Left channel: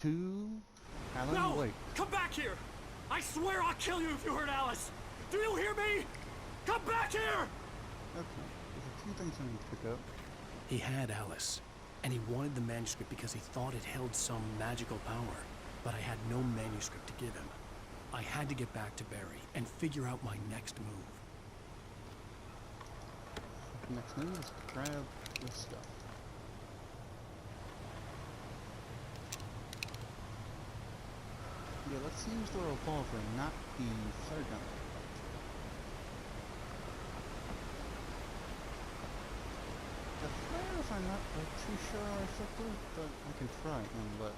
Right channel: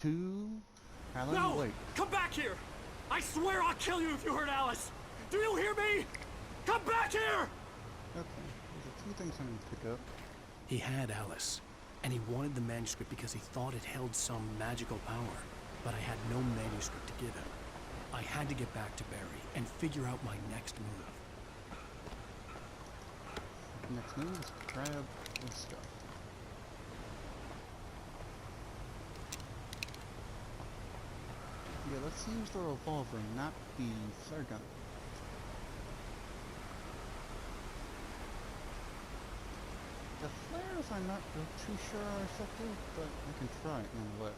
to Alan No! Wake. Come back here! I swear I'll kill you if you hurt Alice! Do you hear me? Come back here! Okay, there's a few things I need to pick up. He had Alice, and he wanted the manuscript because he thought it held some magical power. But I had no manuscript to give him. I had to get back to Barry and figure out my next move. Next move is to grab this stuff. Yeah, let's use the revolver, not the flare gun. The flares I'm not too sure are effective, but I can try it nonetheless.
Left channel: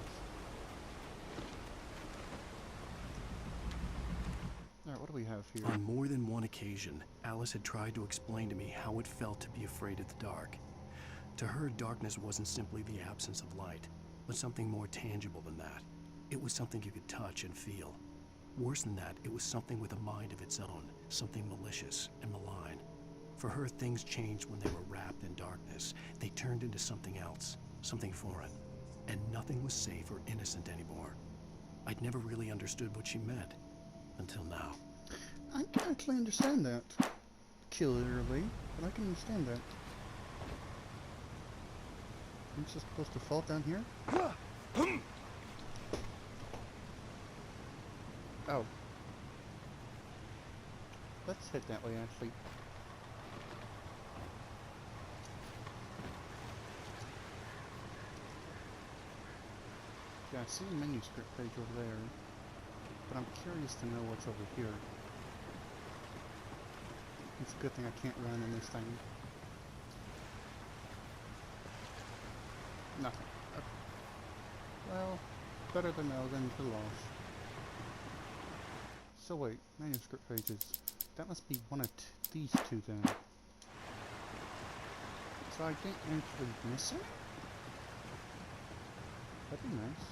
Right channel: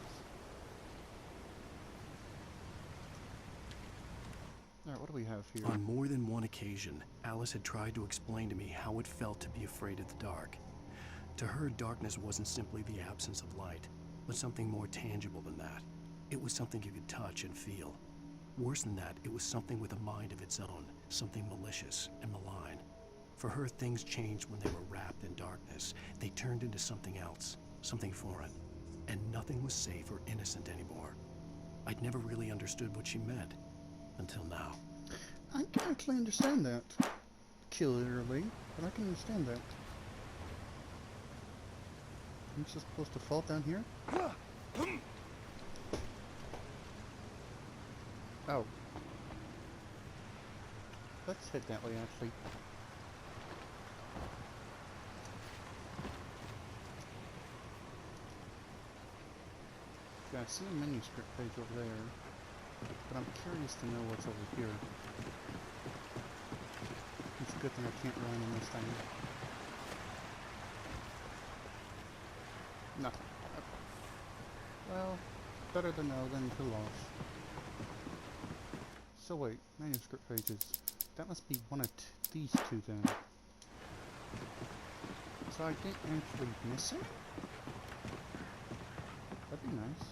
Alright, what do we have here? On more than one occasion, Alice had tried to explain to me how it felt to be afraid of the dark. To her, darkness wasn't simply the absence of light, but something more tangible than that. It was something you could touch and feel. Worse than that, it was something with a mind of its own, something malicious and malign. For her, things changed when they were wrapped in darkness. They turned into something else, something foreign. And nothing was safe or innocent anymore. I'd never really understood what she meant, until now. I can actually understand that. Clearly, but I can understand that. I'm just supposed to fall down here? Oh. Let's head that way, actually. Yeah, I see a manuscript page over there, but I'm curious to know what's over here. It's a good thing I can't run in this thing. Nothing. Okay. Well, better to know than to lose. So wait, manuscript pages. That must be one of these two then. So I didn't actually miss it? That'd be nice.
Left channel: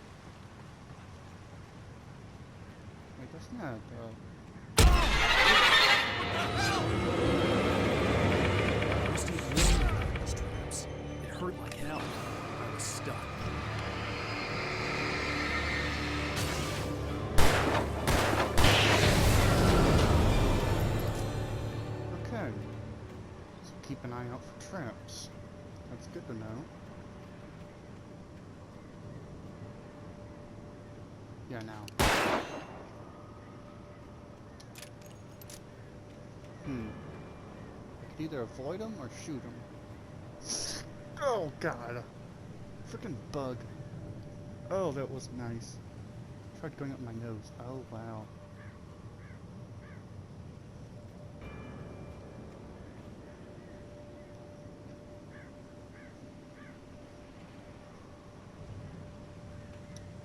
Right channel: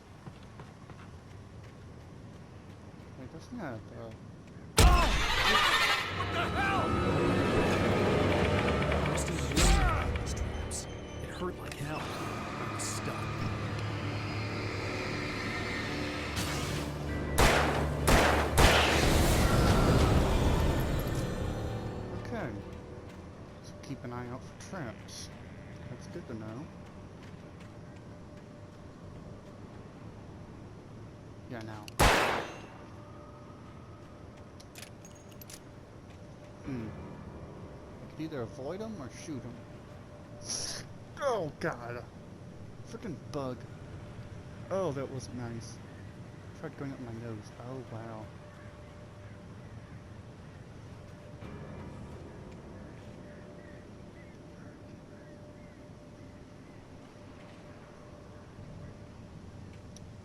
Wait, that's not, What the hell? Christy warned me about these traps. It hurt like hell. I was stuck. okay. So keep an eye out for traps. That's good to know. Yeah, now. I could either avoid them or shoot them. Oh god! Freaking bug. Oh, that wasn't nice. Tried going up my nose. Oh wow.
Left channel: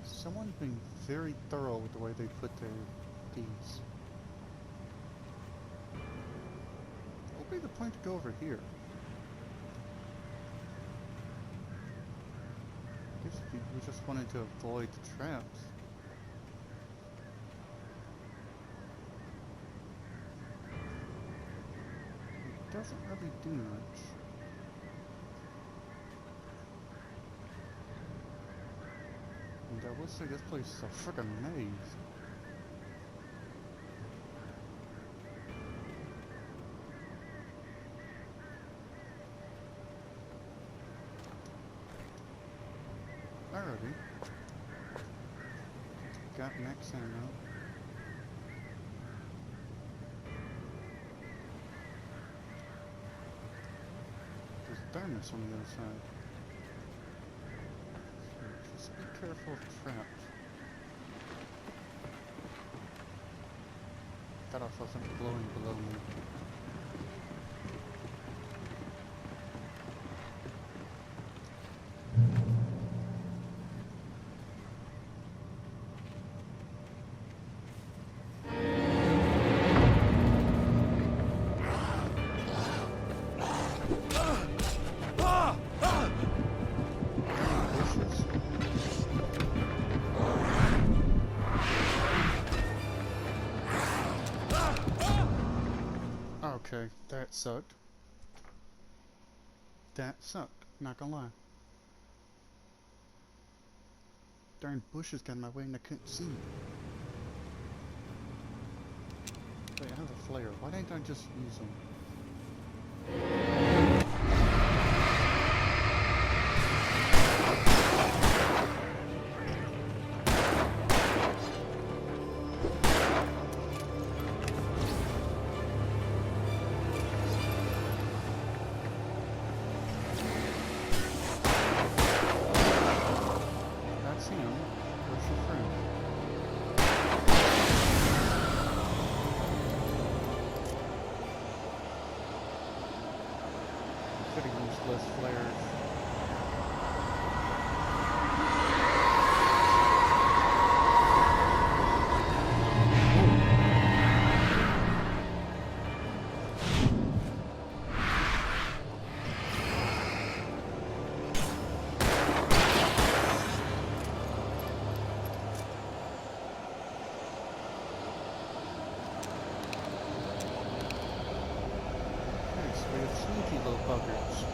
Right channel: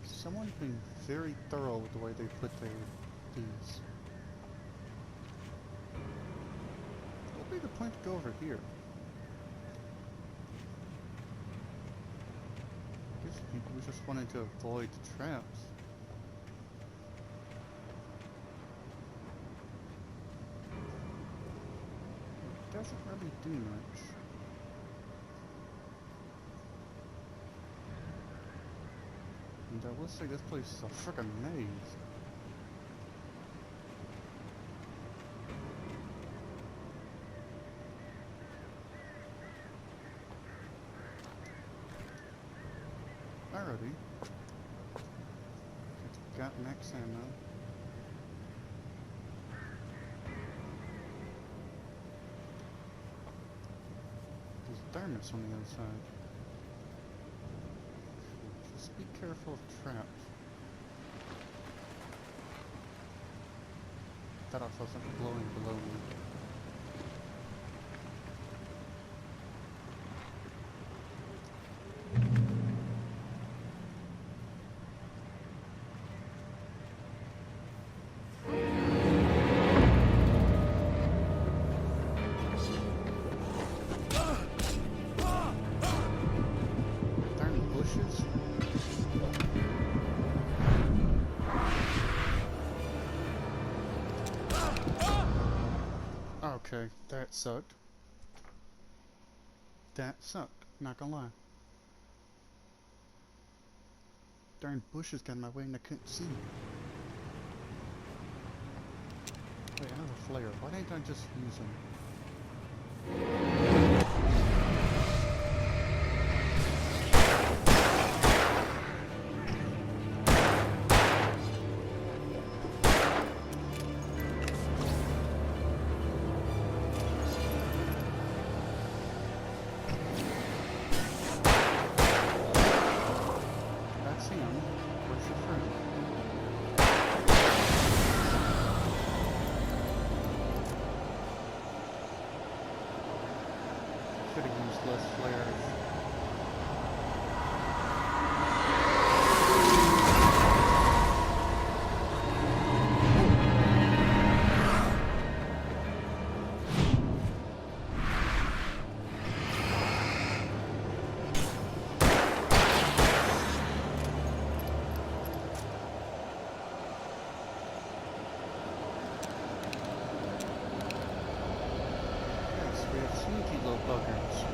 Someone's been very thorough with the way they put these. What would be the point to go over here? I guess we just wanted to avoid the traps. It doesn't really do much. And I will say this place is a frickin' maze. Alrighty. Okay, got max ammo. There's a thermos on the other side. So just be careful of traps. Thought I saw something glowing below me. Okay, that sucked. That sucked, not gonna lie. darn bushes got in my way and I couldn't see. Wait, I have a flare. Why didn't I just use them? That's him. Where's your friend? Should have used less flares. Okay, so we have sneaky little buggers.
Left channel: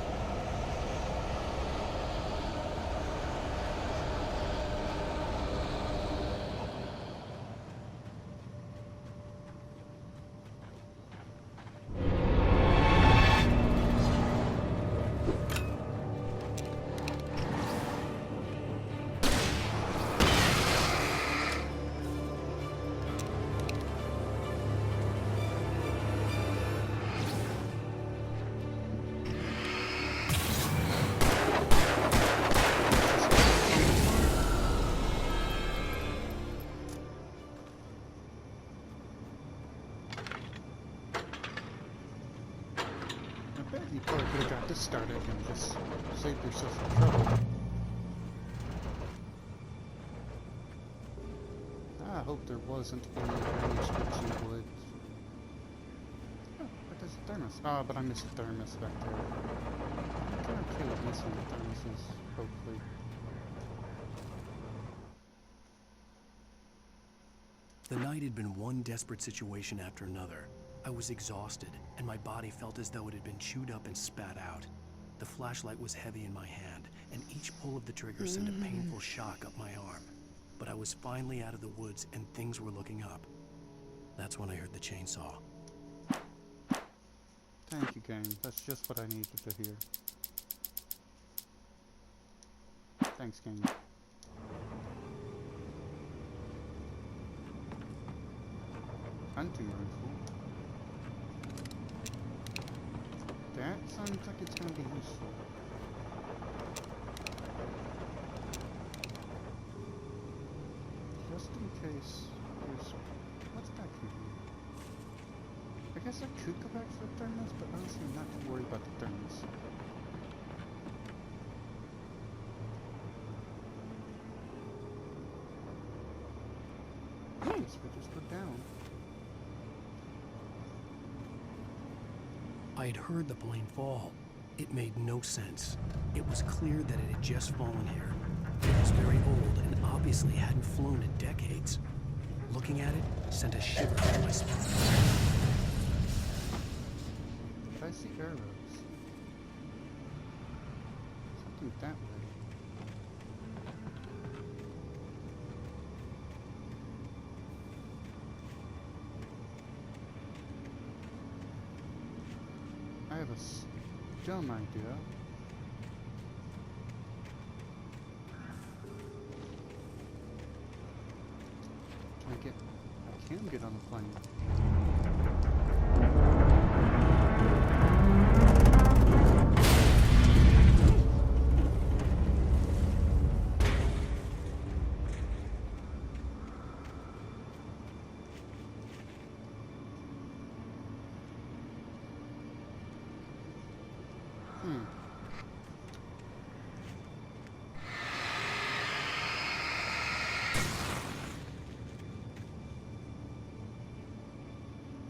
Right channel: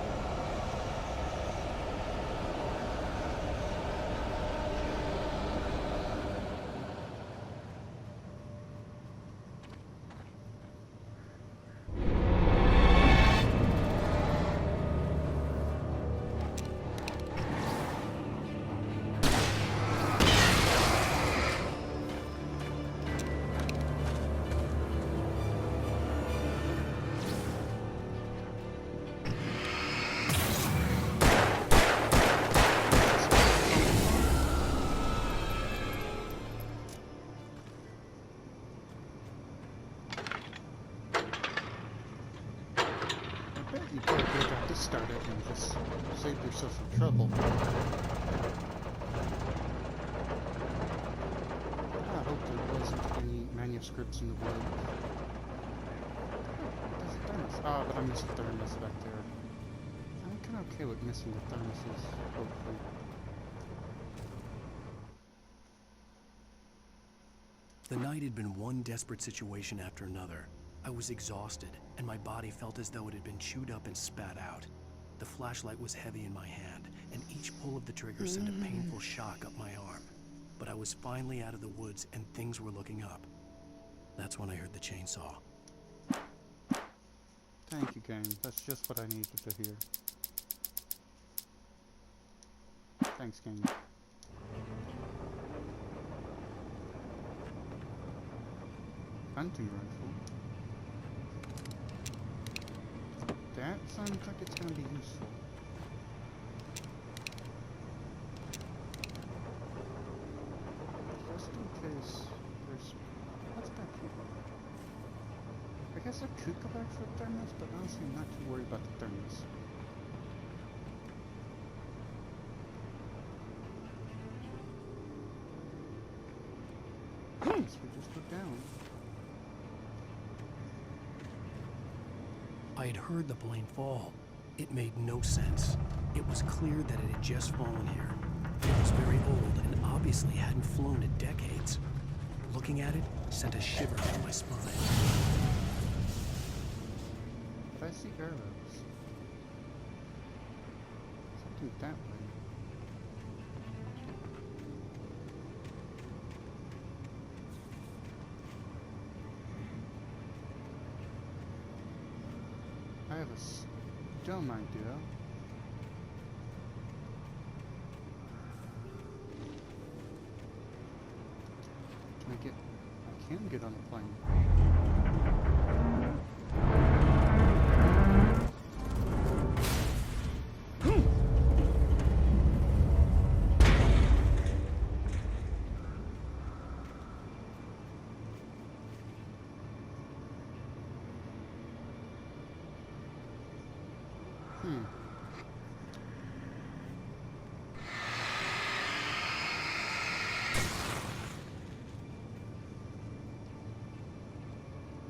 I bet you probably could have got this started and just saved yourself some trouble. I hope there wasn't any manuscripts in wood. Oh, but there's a thermos. Ah, but I missed the thermos back there. I'm kind of okay with missing the thermoses, hopefully. The night had been one desperate situation after another. I was exhausted, and my body felt as though it had been chewed up and spat out. The flashlight was heavy in my hand, and each pull of the trigger sent a painful shock up my arm. But I was finally out of the woods, and things were looking up. That's when I heard the chainsaw. Thank you, game. That's just what I needed to hear. Thanks, game. Hunting rifle. That sounds like it's gonna be useful. Just in case there's... What's back here? I guess I could go back for a thermos, but honestly I'm not too worried about the thermos. I guess we just go down. I had heard the plane fall. It made no sense. It was clear that it had just fallen here. It was very old and obviously hadn't flown in decades. Looking at it sent a shiver down my spine. But I see arrows. Something that way. I have a dumb idea. I can get on the plane.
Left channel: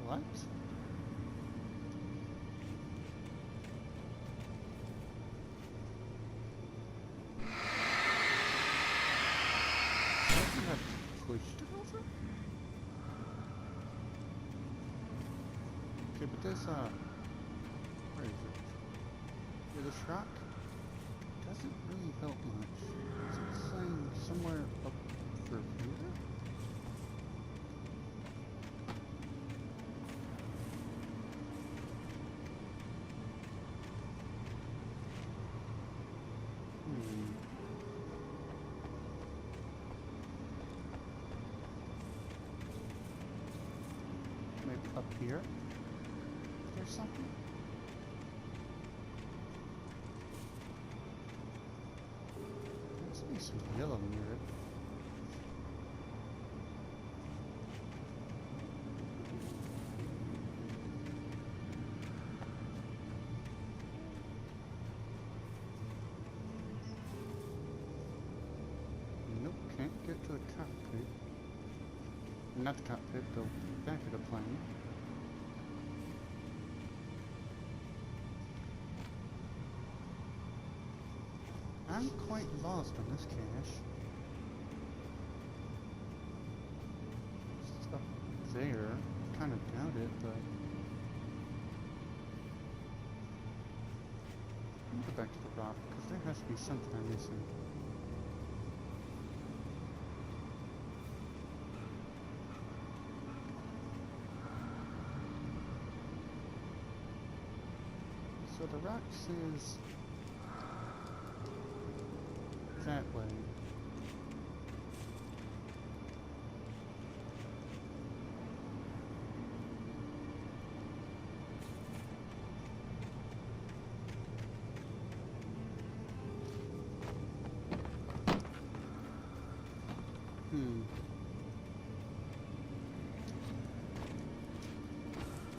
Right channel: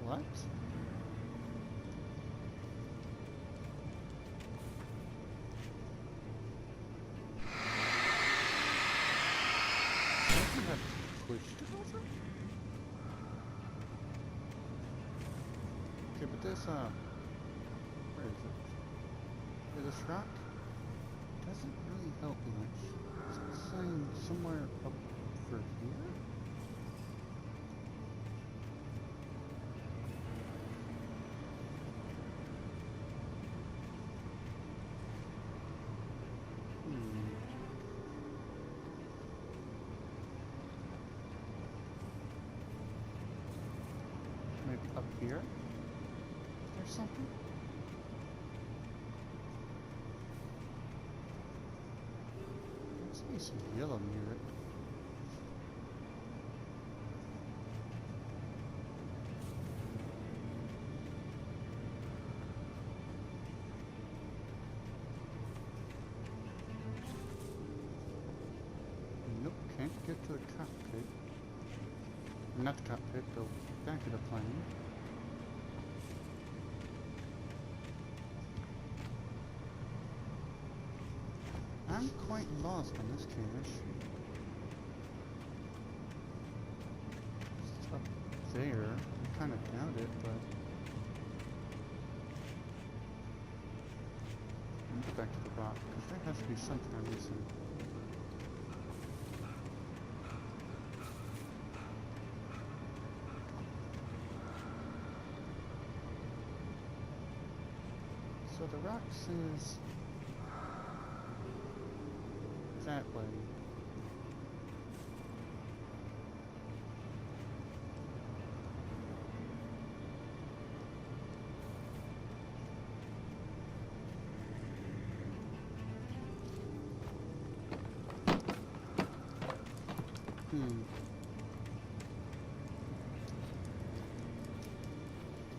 What? Something had pushed it over? Okay, but this, where is it? Yeah, this rock doesn't really help much. Is it saying somewhere up over here? Maybe up here? Is there something? There must be some yellow near it. Nope, can't get to a cockpit. Not the cockpit, the back of the plane. I'm quite lost on this cache. It's up there. I kind of doubt it, but... Let me go back to the rock, because there has to be something I'm missing. So the rock says that way.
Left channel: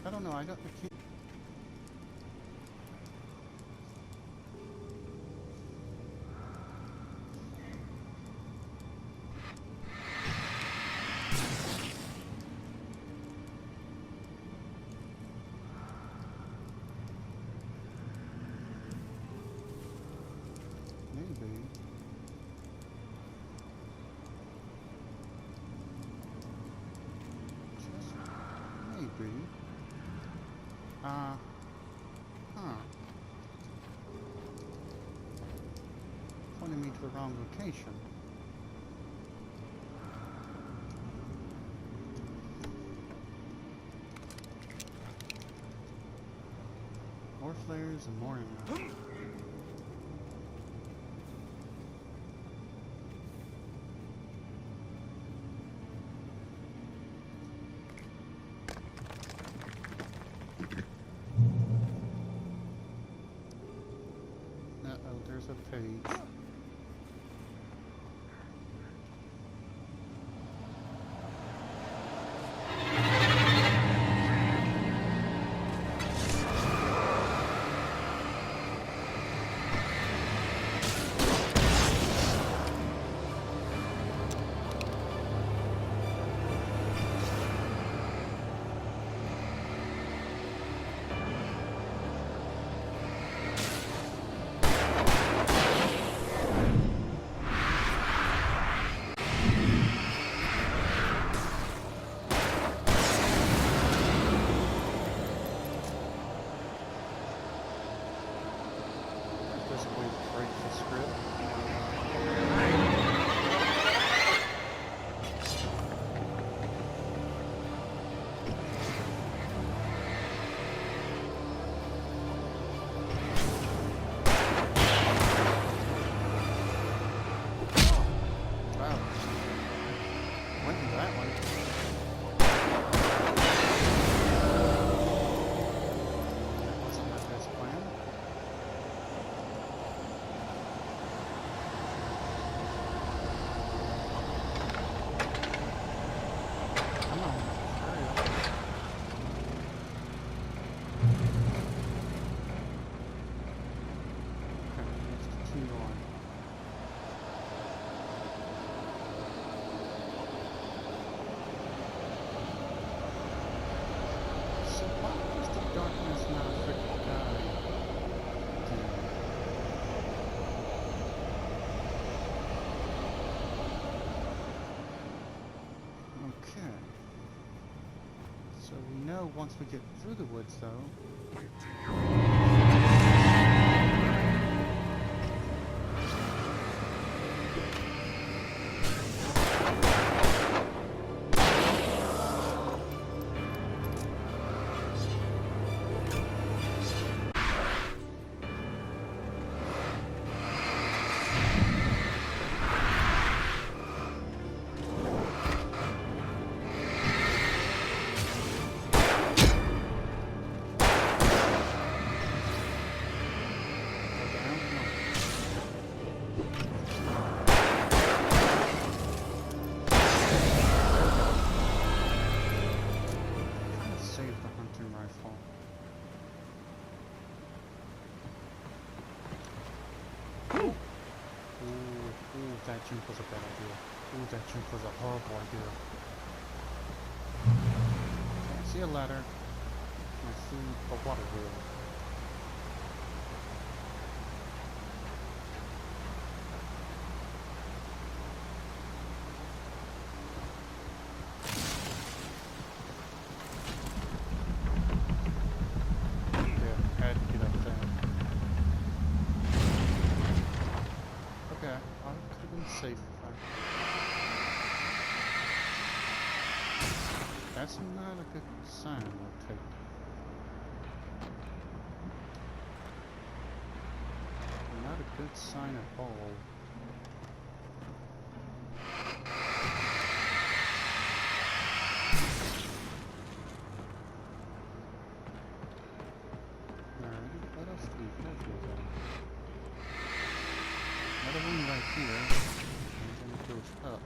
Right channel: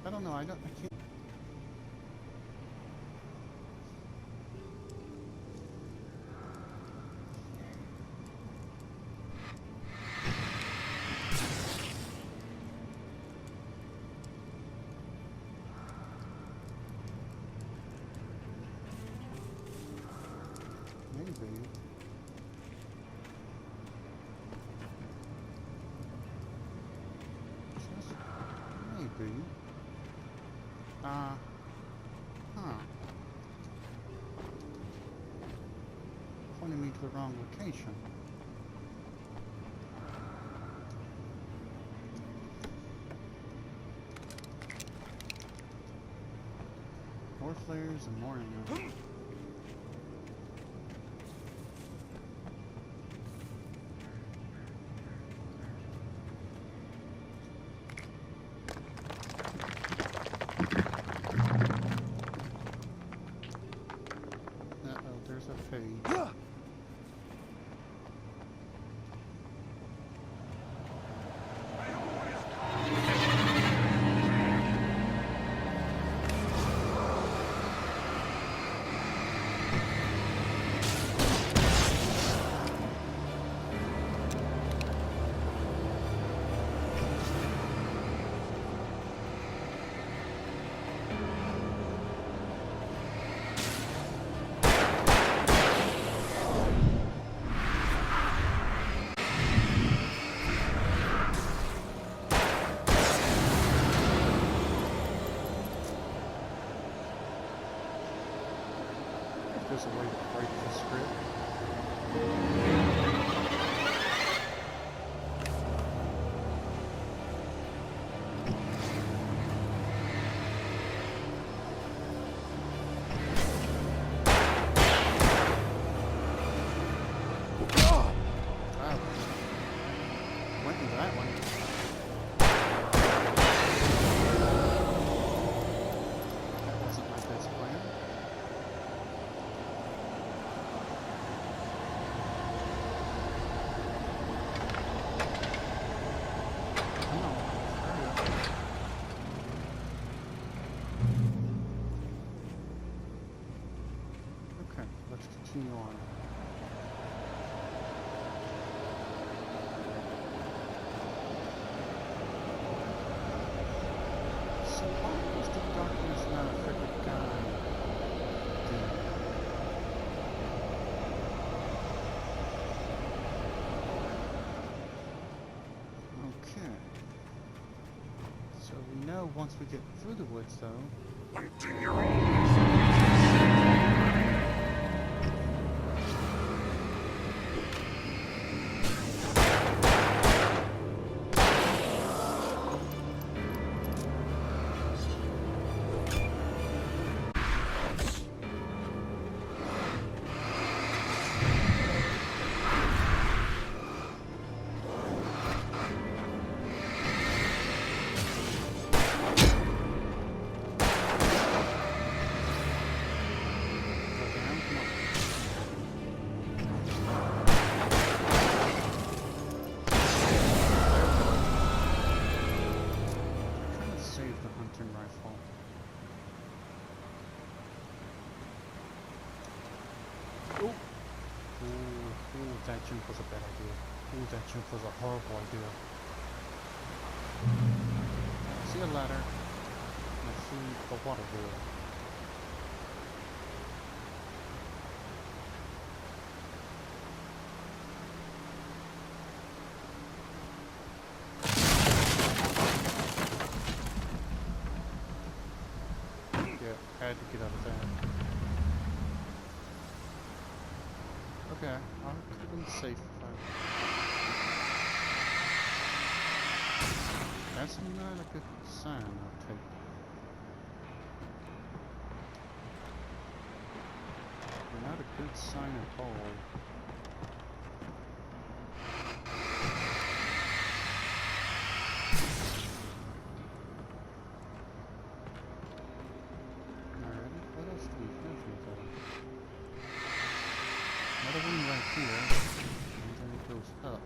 I don't know, I can't. Maybe. Just maybe. Pointing me to the wrong location. More flares and more ammo. Uh-oh, there's a page. There's a way to break the script. Wow. I went into that one. That wasn't my best plan. Come on, hurry up. Okay, let's continue on. So why does the darkness not affect the guy then? Okay. So we know once we get through the woods, though. hunting rifle. Ooh, that jump was a bad idea. Ooh, that jump was a horrible idea. I see a ladder. And I see the water wheel. Had to get out of that. Okay, I could have been safe if I... That's not a good sign, I'll take. Not a good sign at all. What else do we have here, though? Another one right here, and then it goes up.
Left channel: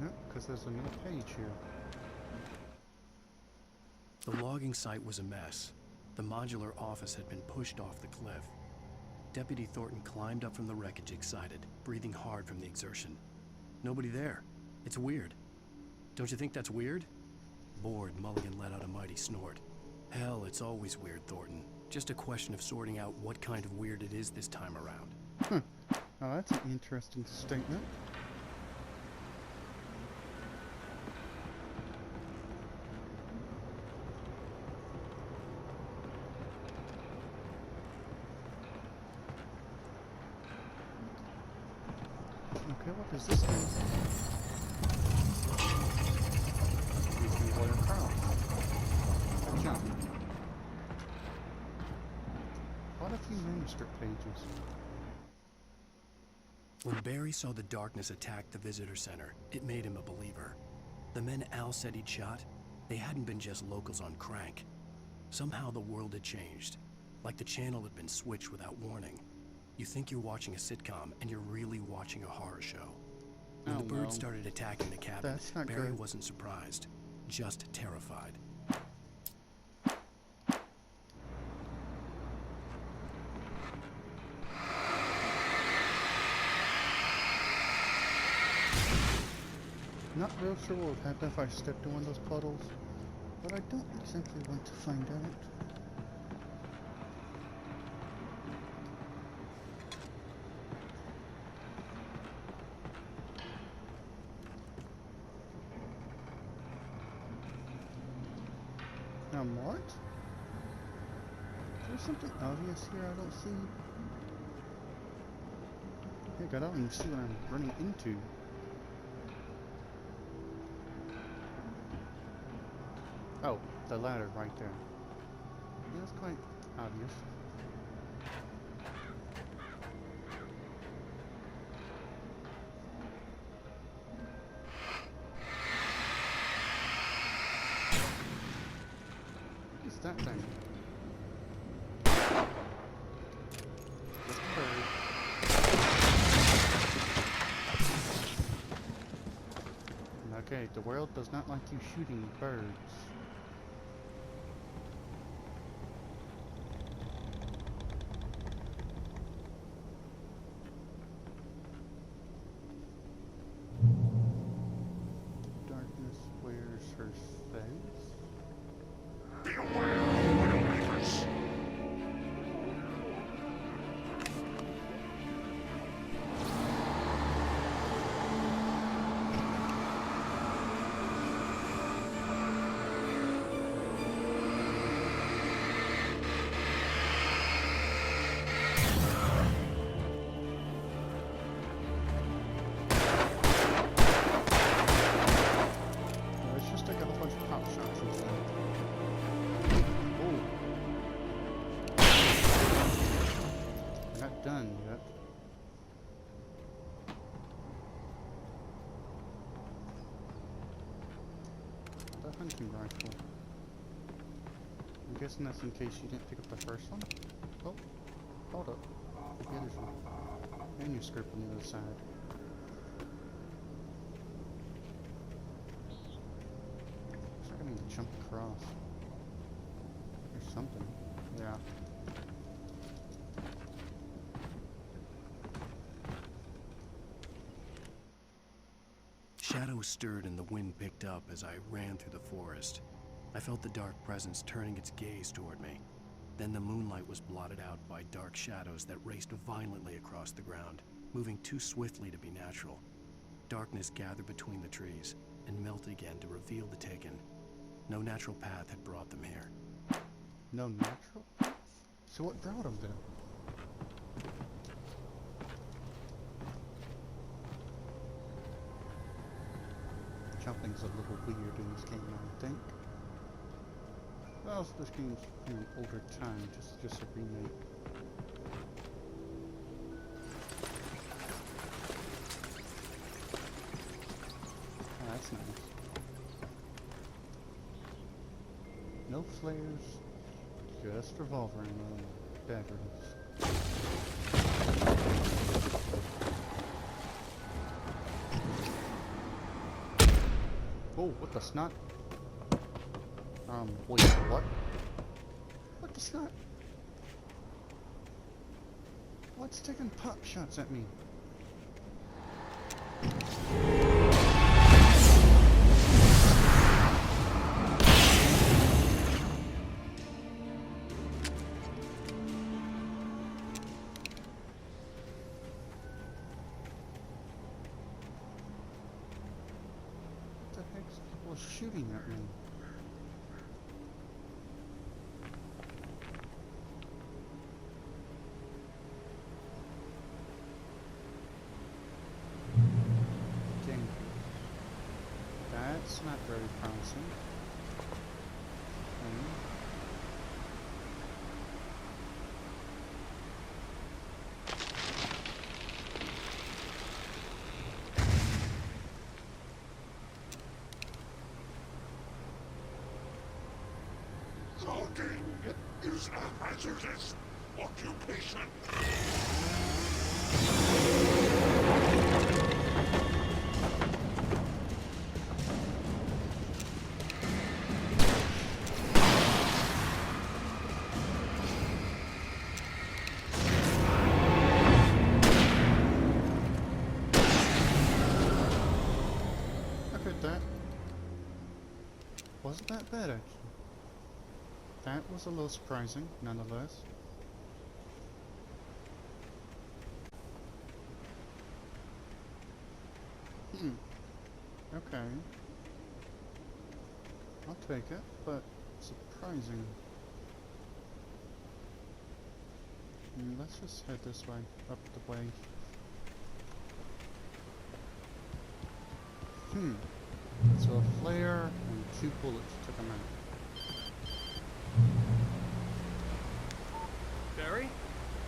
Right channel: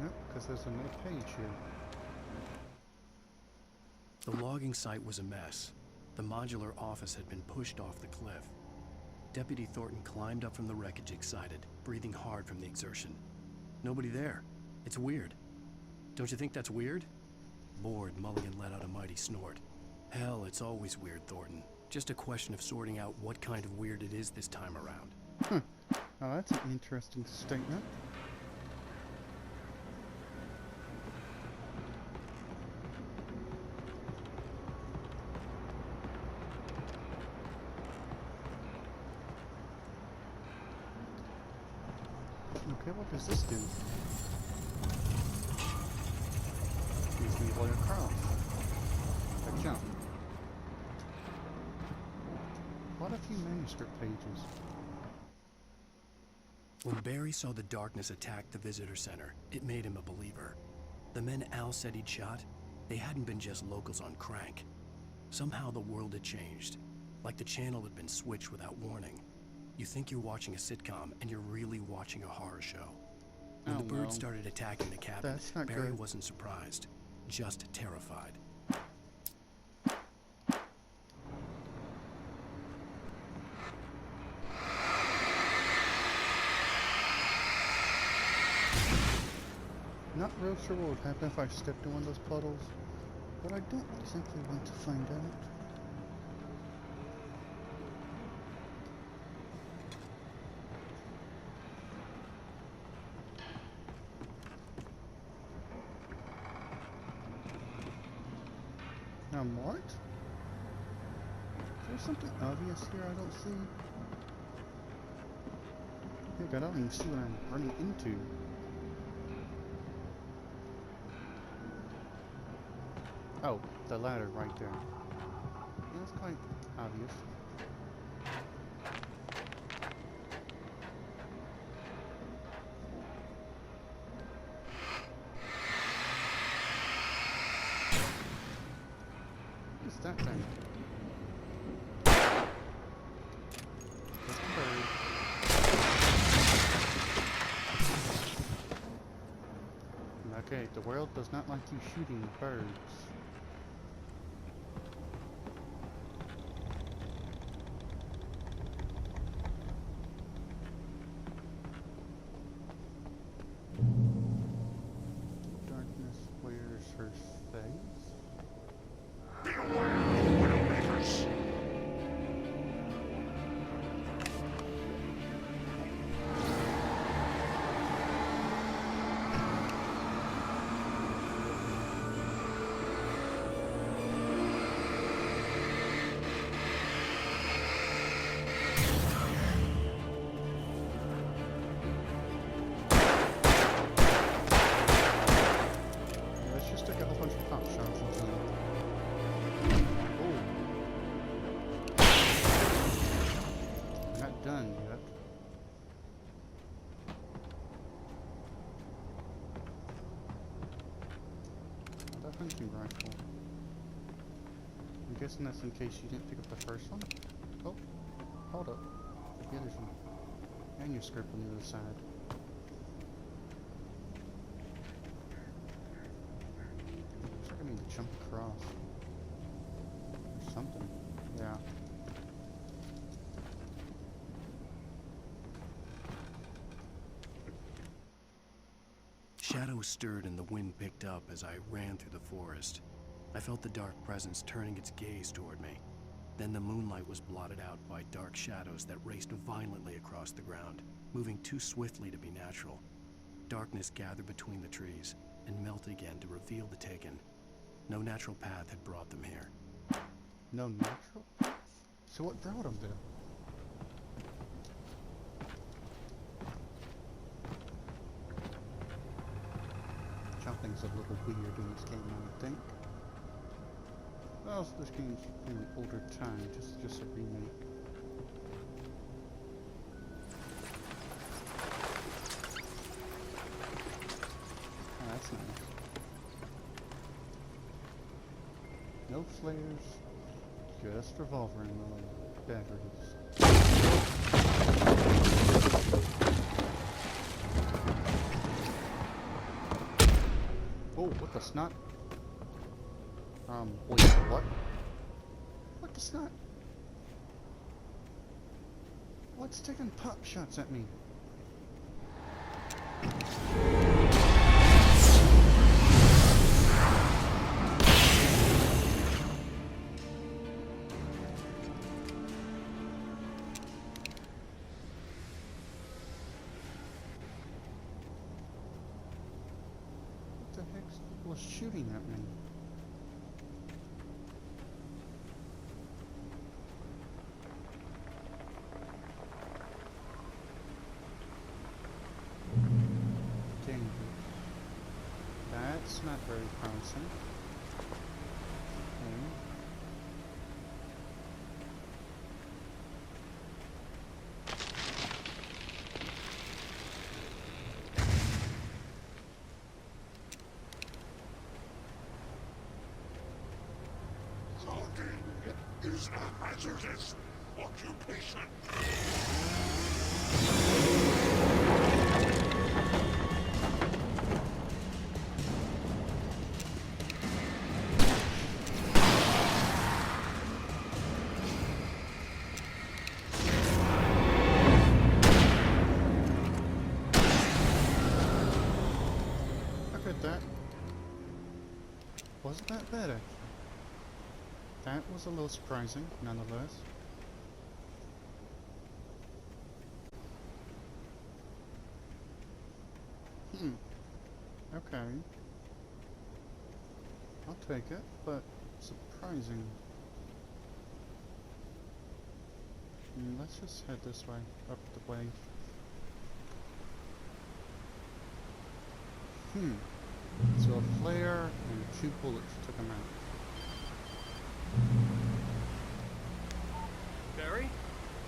Yep, because there's another page here. The logging site was a mess. The modular office had been pushed off the cliff. Deputy Thornton climbed up from the wreckage excited, breathing hard from the exertion. Nobody there. It's weird. Don't you think that's weird? Bored, Mulligan let out a mighty snort. Hell, it's always weird, Thornton. Just a question of sorting out what kind of weird it is this time around. Oh, that's an interesting statement. Okay, what does this do? Gives me Lawyer Carl. A jump. What a few manuscript pages. When Barry saw the darkness attack the visitor center, it made him a believer. The men Al said he'd shot, they hadn't been just locals on crank. Somehow the world had changed, like the channel had been switched without warning. You think you're watching a sitcom, and you're really watching a horror show. When the birds started attacking the cabin, Barry wasn't surprised, just terrified. Not real sure what would happen if I stepped in one of those puddles, but I don't simply want to find out. Now what? Is there something obvious here I don't see? Heck, I don't even see what I'm running into. Oh, the ladder right there. Yeah, that's quite obvious. What is that thing? Just a bird. Okay, the world does not like you shooting birds. Darkness wears her face. Beware of Widowmakers. Let's just take a whole bunch of pop shots into them. Oh. We're not done yet. Another hunting rifle. I'm guessing that's in case you didn't pick up the first one. Oh, hold up. Maybe there's a manuscript on the other side. I need to jump across. Or something. Yeah. Shadows stirred and the wind picked up as I ran through the forest. I felt the dark presence turning its gaze toward me. Then the moonlight was blotted out by dark shadows that raced violently across the ground, moving too swiftly to be natural. Darkness gathered between the trees and melted again to reveal the Taken. No natural path had brought them here. No natural? So what brought him there? Jumping's a little weird in this game, I would think. Well, this game's from an older time, just a remake. Oh, that's nice. No flares, just revolver ammo and batteries. Oh, what the snot? Wait, what? What the snot? What's taking pop shots at me? What the heck was shooting at me? Dangerous. That's not very promising. Okay. Logging is a hazardous occupation. That wasn't that bad actually. That was a little surprising, nonetheless. Okay. I'll take it, but surprising. Let's just head this way, up the way. So a flare and 2 bullets took him out. Barry?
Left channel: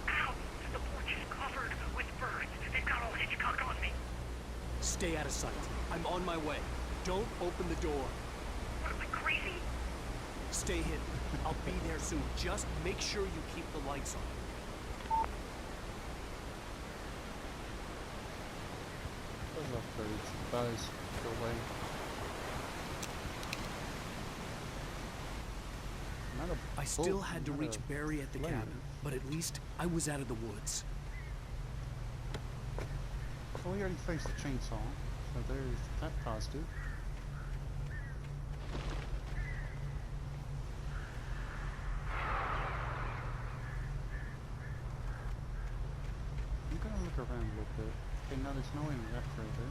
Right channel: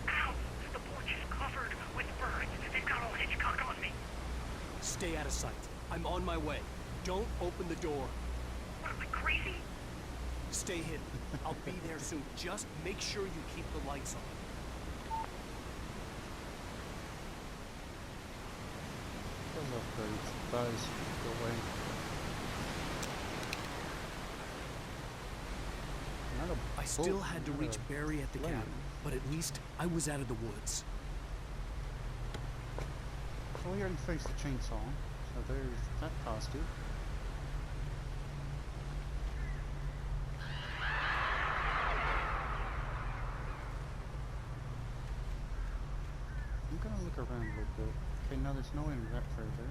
Ow! The porch is covered with birds. They've got old Hitchcock on me. Stay out of sight. I'm on my way. Don't open the door. What am I, crazy? Stay hidden. I'll be there soon. Just make sure you keep the lights on. Those off birds. Buzz. Go away. I still had to reach Barry at the cabin, but at least I was out of the woods. Well, we already faced the chainsaw, so there's that positive. I'm gonna look around a little bit. Okay, now there's no end to that further.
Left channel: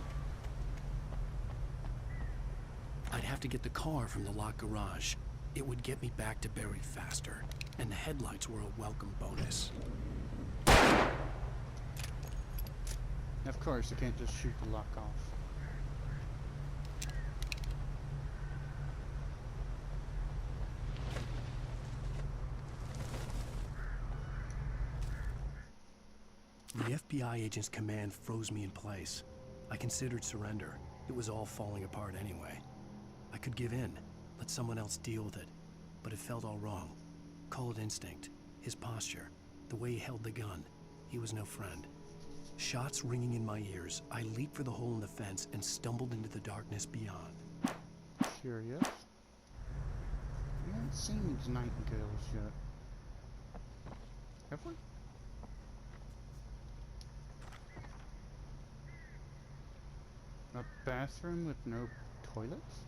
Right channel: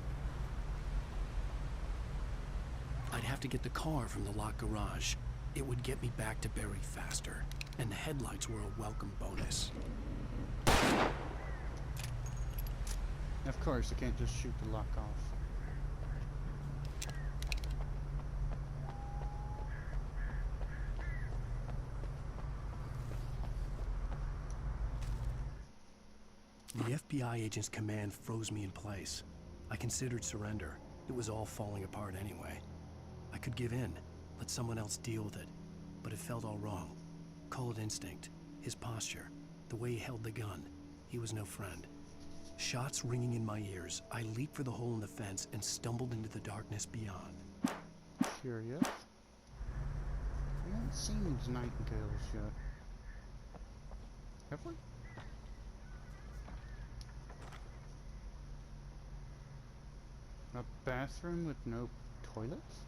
I'd have to get the car from the locked garage. It would get me back to Barry faster, and the headlights were a welcome bonus. Of course, I can't just shoot the lock off. The FBI agent's command froze me in place. I considered surrender. It was all falling apart anyway. I could give in, let someone else deal with it, but it felt all wrong. Call it instinct, his posture, the way he held the gun. He was no friend. Shots ringing in my ears, I leaped for the hole in the fence and stumbled into the darkness beyond. Curious. We haven't seen these nightingales yet. Have we? A bathroom with no toilets?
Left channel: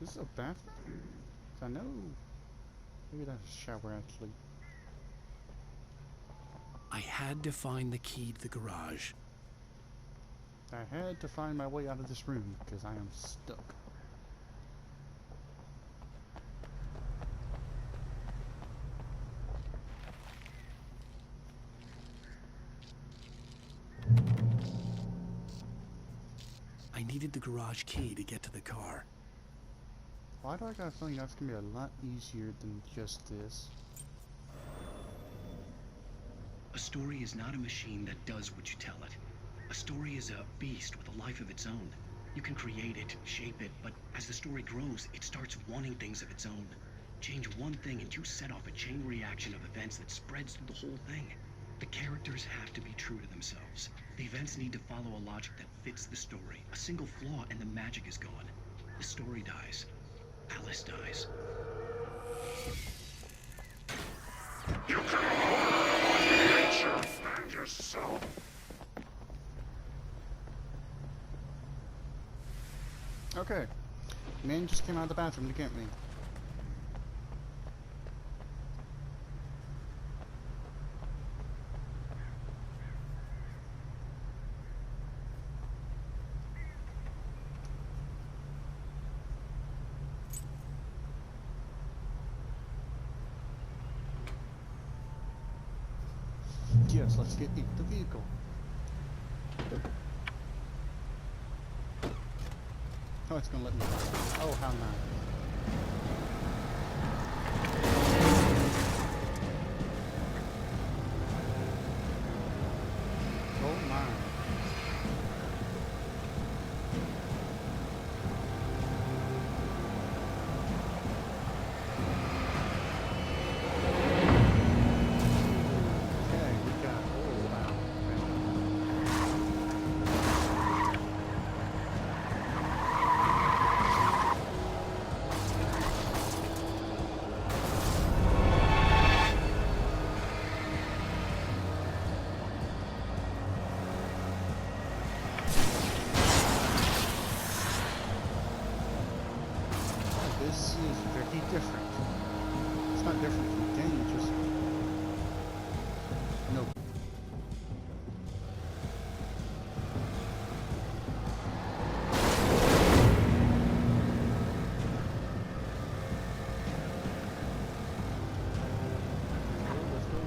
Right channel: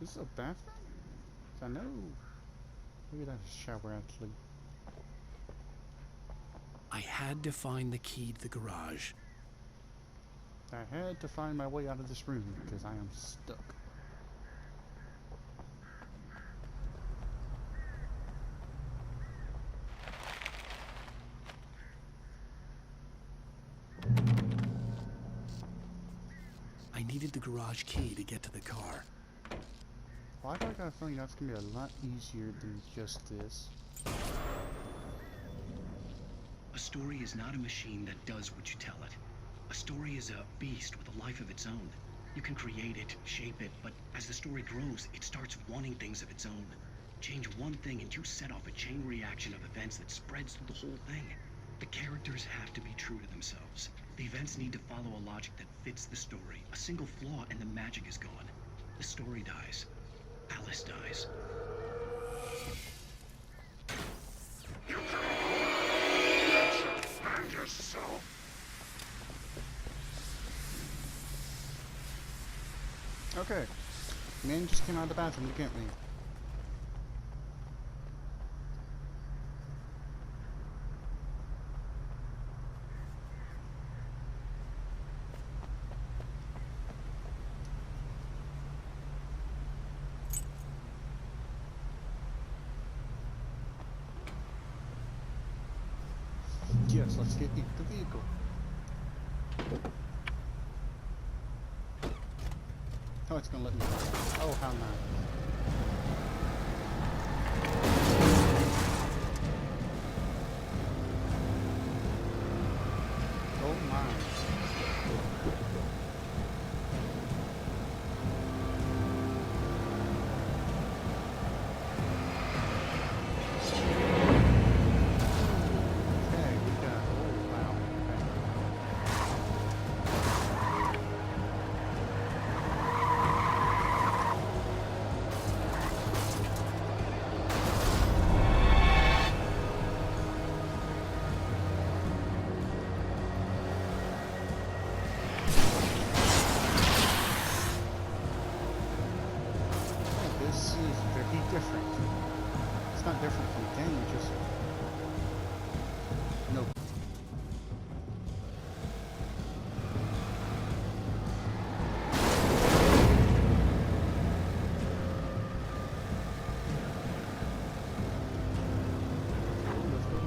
This is a bathroom? I know. Maybe that's a shower actually. I had to find the key to the garage. I had to find my way out of this room because I am stuck. I needed the garage key to get to the car. Why do I got a feeling that's gonna be a lot easier than just this? A story is not a machine that does what you tell it. A story is a beast with a life of its own. You can create it, shape it, but as the story grows, it starts wanting things of its own. Change one thing and you set off a chain reaction of events that spreads through the whole thing. The characters have to be true to themselves. The events need to follow a logic that fits the story. A single flaw and the magic is gone. The story dies. Alice dies. You can hold nature and yourself. Okay. Man just came out of the bathroom to get me. Yes, let's get into the vehicle. Oh, it's gonna let me. Oh, how nice. Oh my. Okay, we got. Oh wow. Okay. Oh, this is very different. It's not different from the game, just no.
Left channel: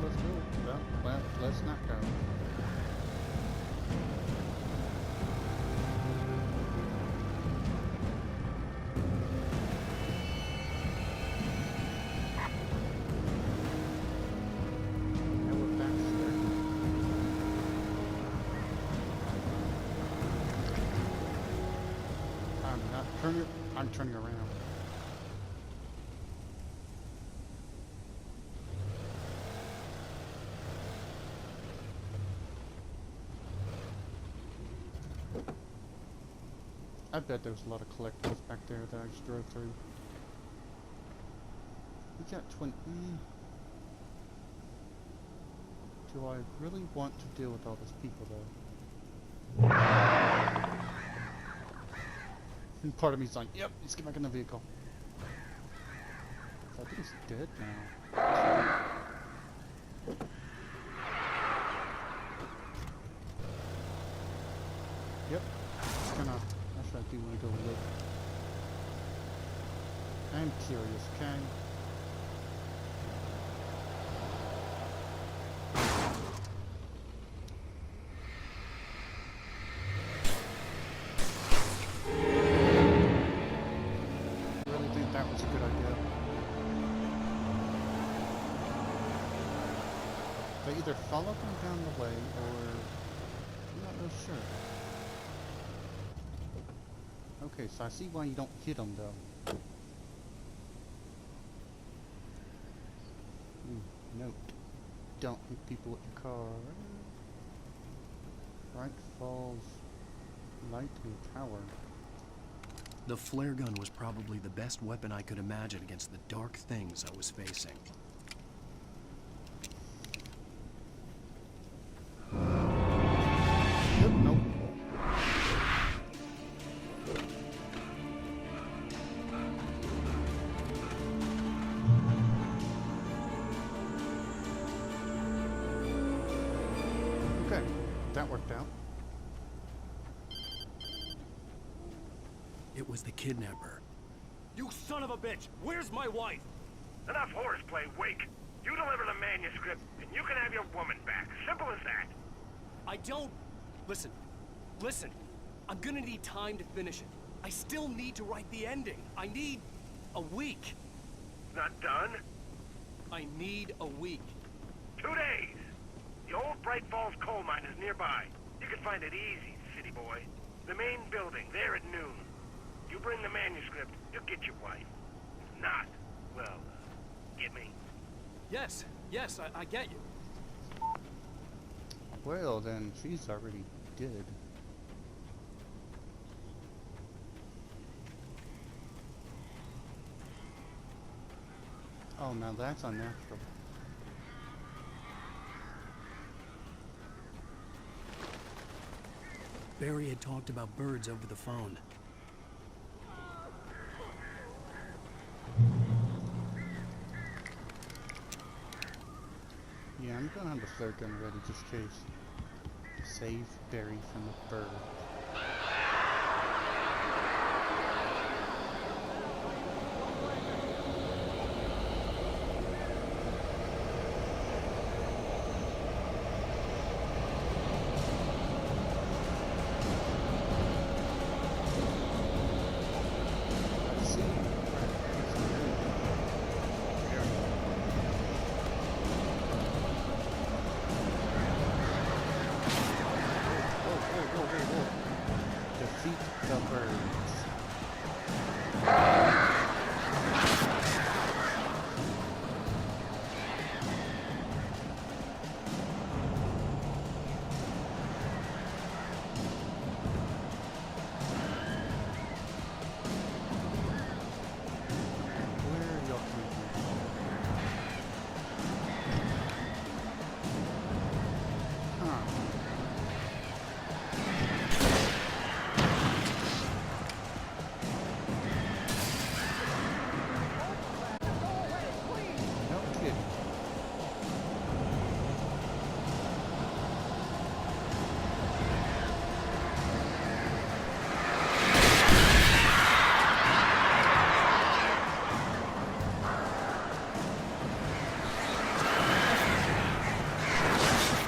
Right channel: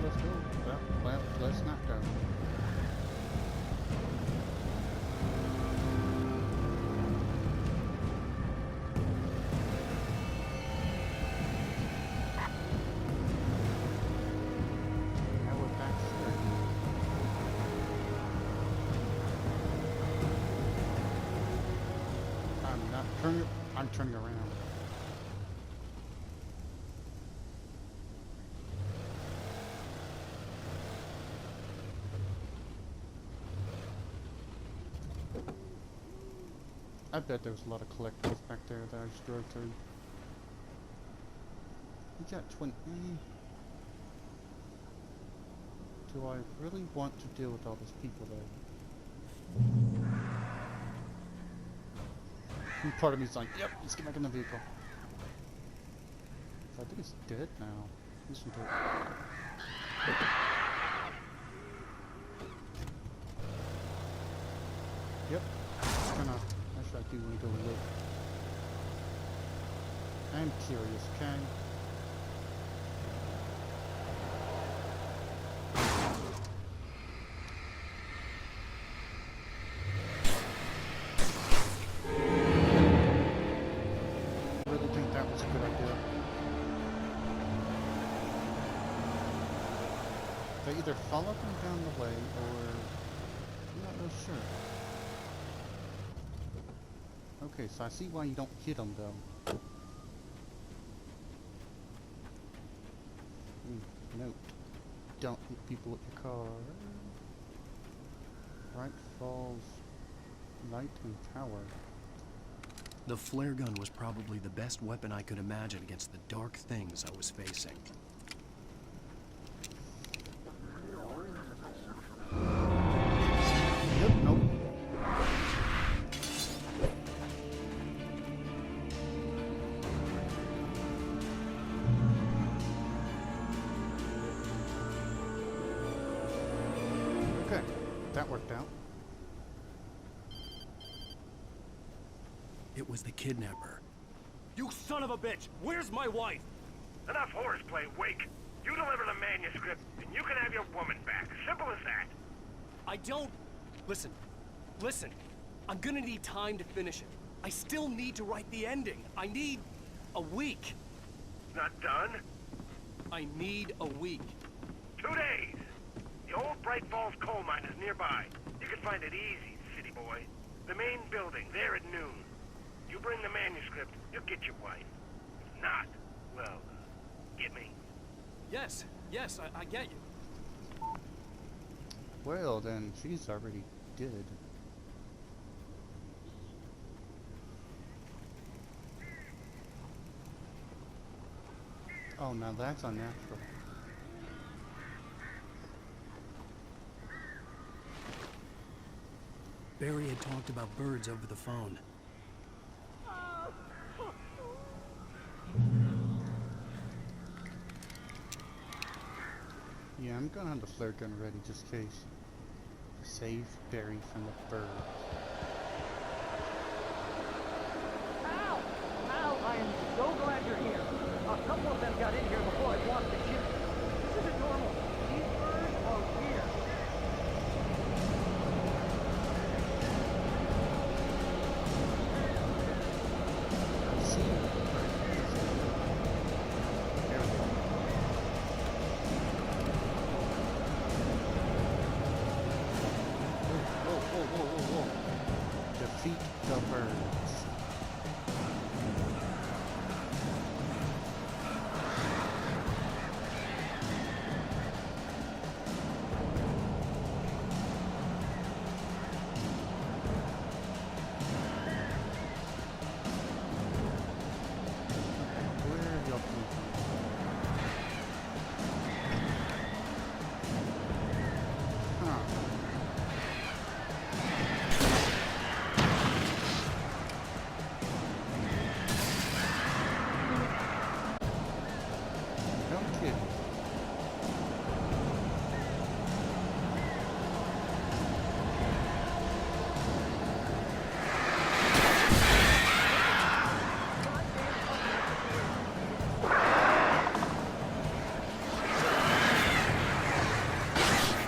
Let's go. Well, let's not go. Now we're back here. I'm not turning. I'm turning around. I bet there was a lot of collectibles back there that I just drove through. We got 20. Do I really want to deal with all those people though? And part of me's like, yep, let's get back in the vehicle. So I think he's dead now. Yes, we did. Yep. Kinda. Actually, I do want to go look. I'm curious, okay? Really think that was a good idea. They either follow them down the way or I'm not real sure. Okay, so I see why you don't hit them though. Note. Don't hit people with your car. Right falls light and power. The flare gun was probably the best weapon I could imagine against the dark things I was facing. Yep, nope. Okay, that worked out. It was the kidnapper. You son of a bitch! Where's my wife? Enough horseplay, Wake. You deliver the manuscript, and you can have your woman back. Simple as that. I don't... Listen. Listen. I'm gonna need time to finish it. I still need to write the ending. I need... a week. Not done? I need a week. 2 days. The old Bright Falls coal mine is nearby. You can find it easy, city boy. The main building, there at noon. You bring the manuscript, you'll get your wife. If not, well, get me? Yes, yes, I get you. Well, then she's already dead. Oh, now that's unnatural. Barry had talked about birds over the phone. Yeah, I'm gonna have the flare gun ready just in case. To save Barry from the birds. Al, I am so glad you're here. A couple of them got in here before I wanted to kill you. This is normal. These birds are weird. I see. Right, it's the blue. There we go. Whoa. Defeat the birds. Okay, where are y'all coming from? Huh. No kidding.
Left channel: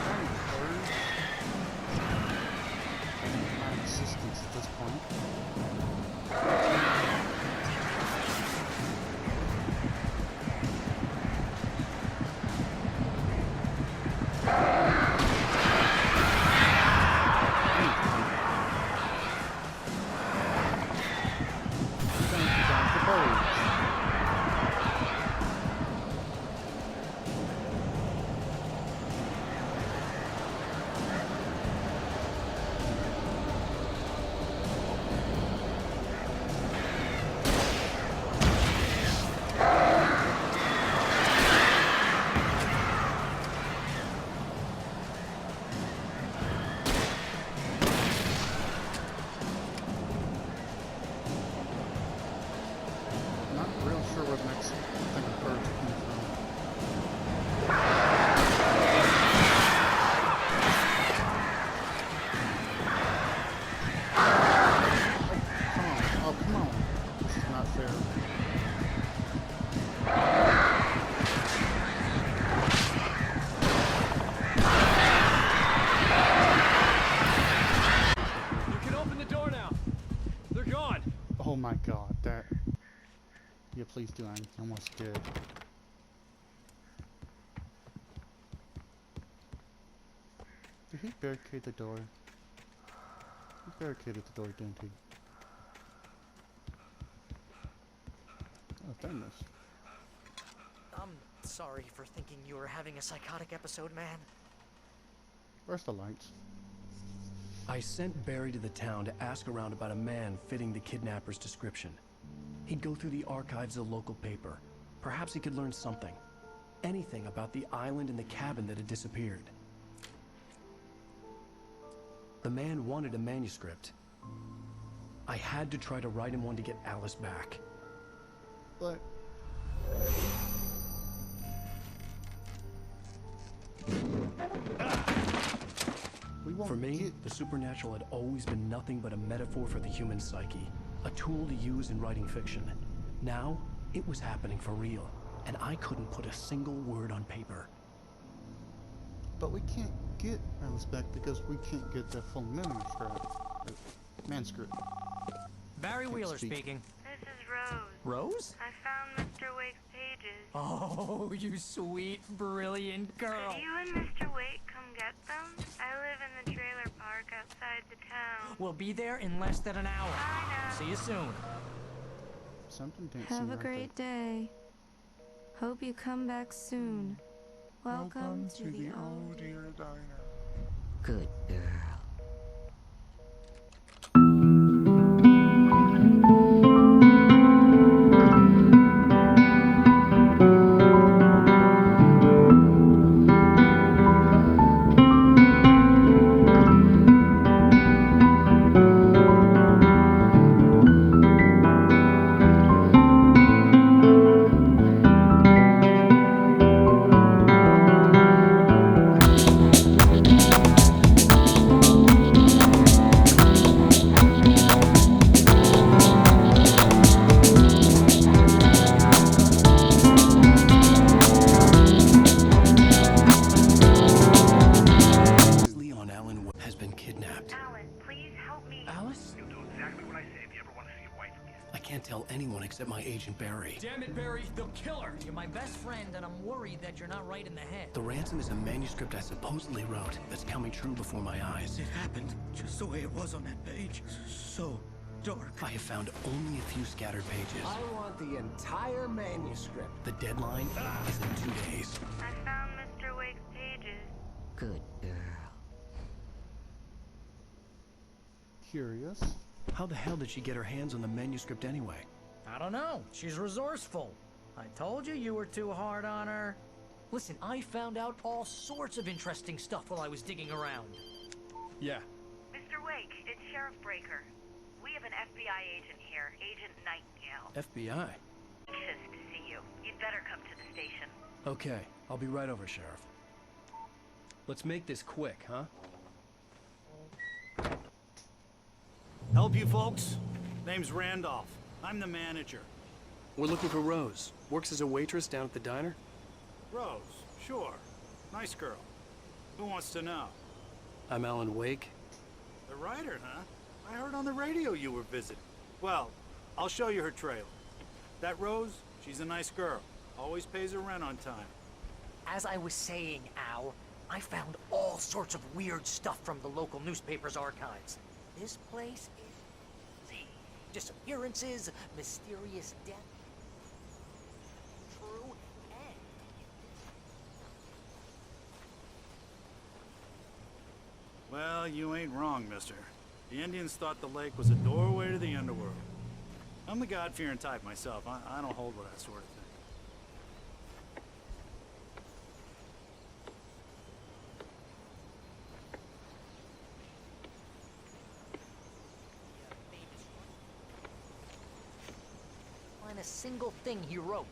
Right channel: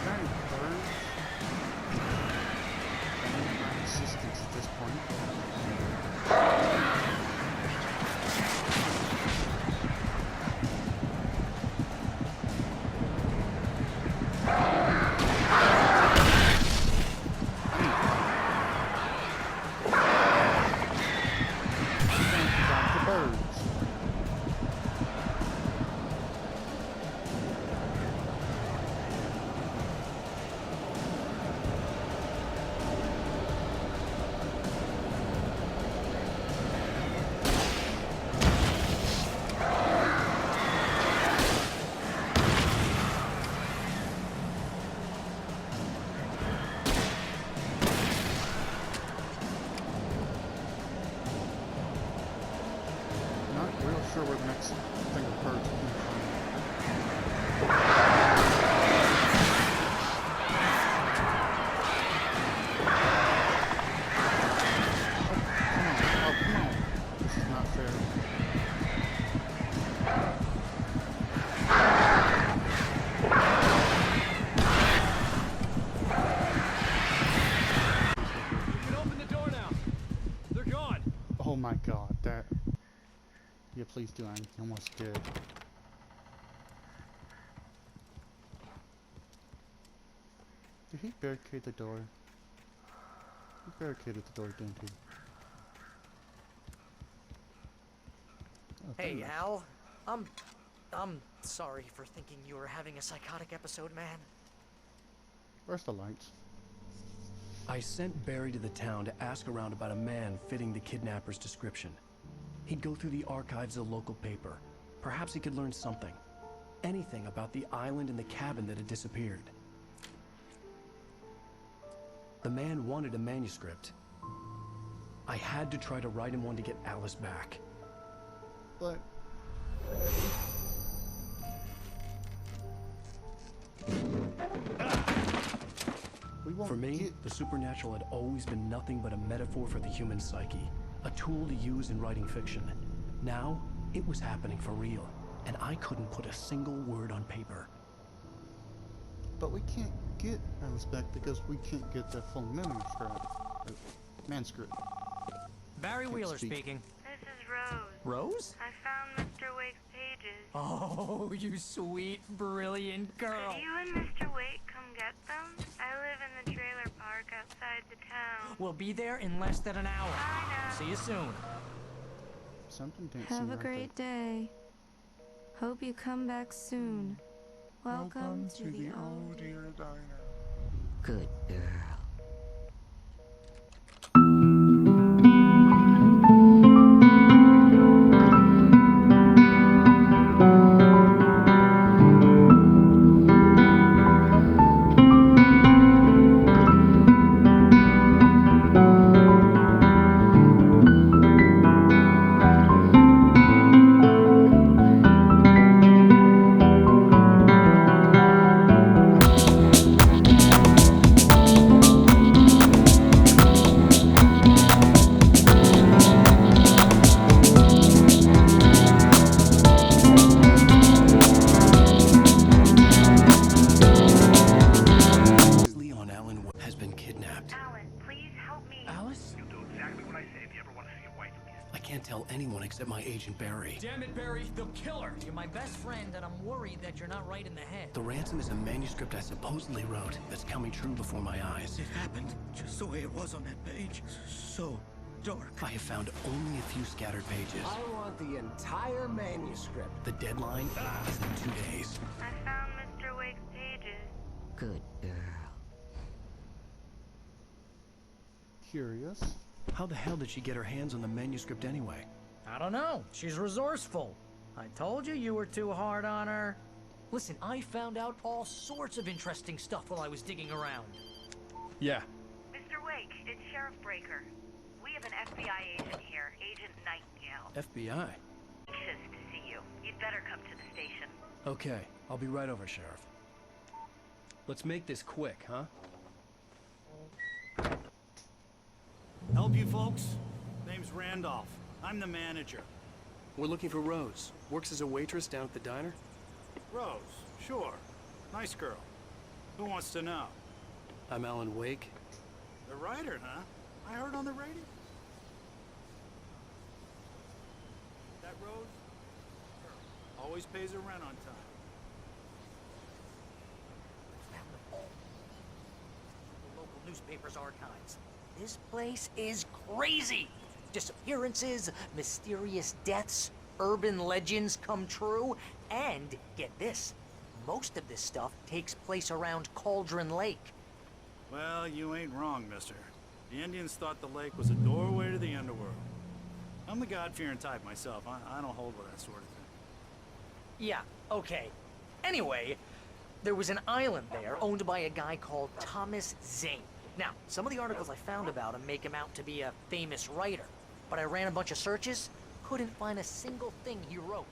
Darn birds. I need my existence at this point. The birds. Not real sure where the next thing of birds are coming from. Oh, come on. This is not fair. You can open the door now. They're gone. Oh my god, that... Yeah, please do. I'm almost dead. Did he barricade the door? He barricaded the door, didn't he? Oh, Hey, goodness. Al. I'm sorry for thinking you were having a psychotic episode, man. Where's the lights? I sent Barry to the town to ask around about a man fitting the kidnapper's description. He'd go through the archives of the local paper. Perhaps he could learn something. Anything about the island and the cabin that had disappeared. The man wanted a manuscript. I had to try to write him one to get Alice back. But we won't For me, get... the supernatural had always been nothing but a metaphor for the human psyche, a tool to use in writing fiction. Now, it was happening for real, and I couldn't put a single word on paper. But we can't get Alice back because we can't get the full manuscript. Barry Wheeler speak. speaking. This is Rose. Rose? I found Mr. Wake's pages. Oh, you sweet, brilliant girl. Could you and Mr. Wake come get them? I live in the trailer park outside the town. We'll be there in less than an hour. I know. See you soon. Something didn't seem Have a right great day. Hope you come back soon. Welcome to the old dear diner. Good girl. Leon Allen has been kidnapped. Alan, please help me. Alice? You'll do exactly what I say if you ever want to see your wife again. I can't tell anyone except my agent Barry. Damn it, Barry, they'll kill her. You're my best friend, and I'm worried that you're not right in the head. The ransom is a manuscript I supposedly wrote that's coming true before my eyes. It happened just the way it was on that page. So dark. I have found only a few scattered pages. I want the entire manuscript. The deadline is in 2 days. I found Mr. Wake's pages. Good girl. Curious. How the hell did she get her hands on the manuscript anyway? I don't know. She's resourceful. I told you were too hard on her. Listen, I found out all sorts of interesting stuff while I was digging around. Yeah. Mr. Wake, it's Sheriff Breaker. We have an FBI agent here, Agent Nightingale. FBI. Anxious to see you. You'd better come to the station. Okay, I'll be right over, Sheriff. Let's make this quick, huh? Help you folks? Name's Randolph. I'm the manager. We're looking for Rose. Works as a waitress down at the diner. Rose, sure. Nice girl. Who wants to know? I'm Alan Wake. The writer, huh? I heard on the radio you were visiting. Well, I'll show you her trailer. That Rose, she's a nice girl. Always pays her rent on time. As I was saying, Al, I found all sorts of weird stuff from the local newspaper's archives. This place is crazy. Disappearances, mysterious deaths, urban legends come true, and get this, most of this stuff takes place around Cauldron Lake. Well, you ain't wrong, mister. The Indians thought the lake was a doorway to the underworld. I'm the God-fearing type myself. I don't hold with that sort of thing. Yeah, okay. Anyway, there was an island there owned by a guy called Thomas Zane. Now, some of the articles I found about him make him out to be a famous writer, but I ran a bunch of searches, couldn't find a single thing he wrote.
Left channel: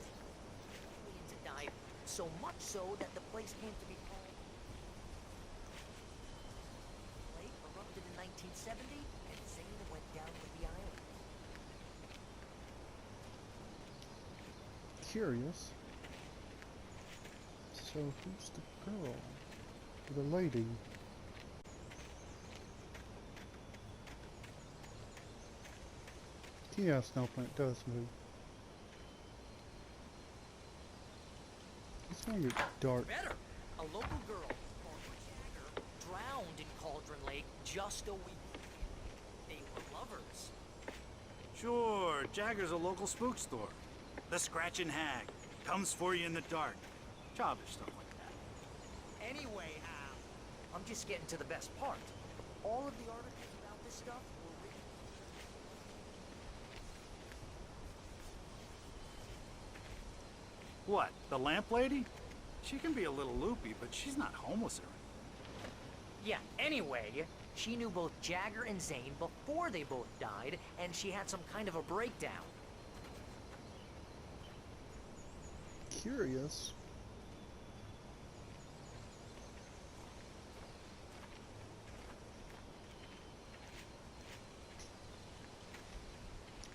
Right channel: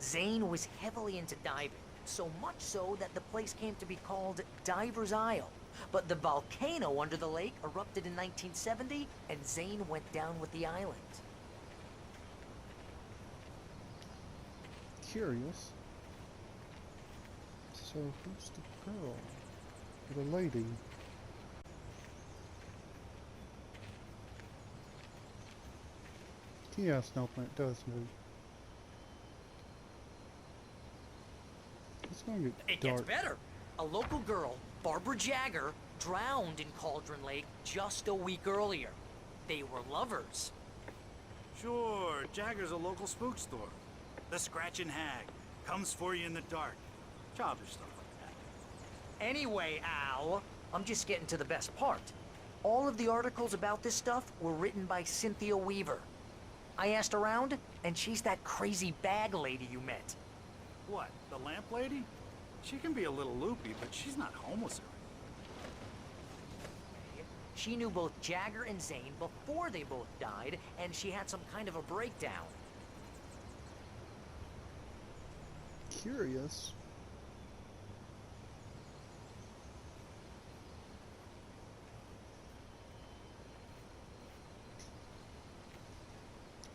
Zane was heavily into diving, so much so that the place came to be called Diver's Isle. But the volcano under the lake erupted in 1970, and Zane went down with the island. Curious. So who's the girl? The lady? Yeah, Snowplant does move. It's going to get It dark. gets better. A local girl, Barbara Jagger, drowned in Cauldron Lake just a week earlier. They were lovers. Sure, Jagger's a local spook store. The Scratching Hag. Comes for you in the dark. Childish stuff like that. Anyway, Al, I'm just getting to the best part. all of the articles about this stuff were written by Cynthia Weaver. I asked around, and she's that crazy bag lady you met. What, the lamp lady? She can be a little loopy, but she's not homeless or anything. Yeah, anyway, she knew both Jagger and Zane before they both died, and she had some kind of a breakdown. Curious.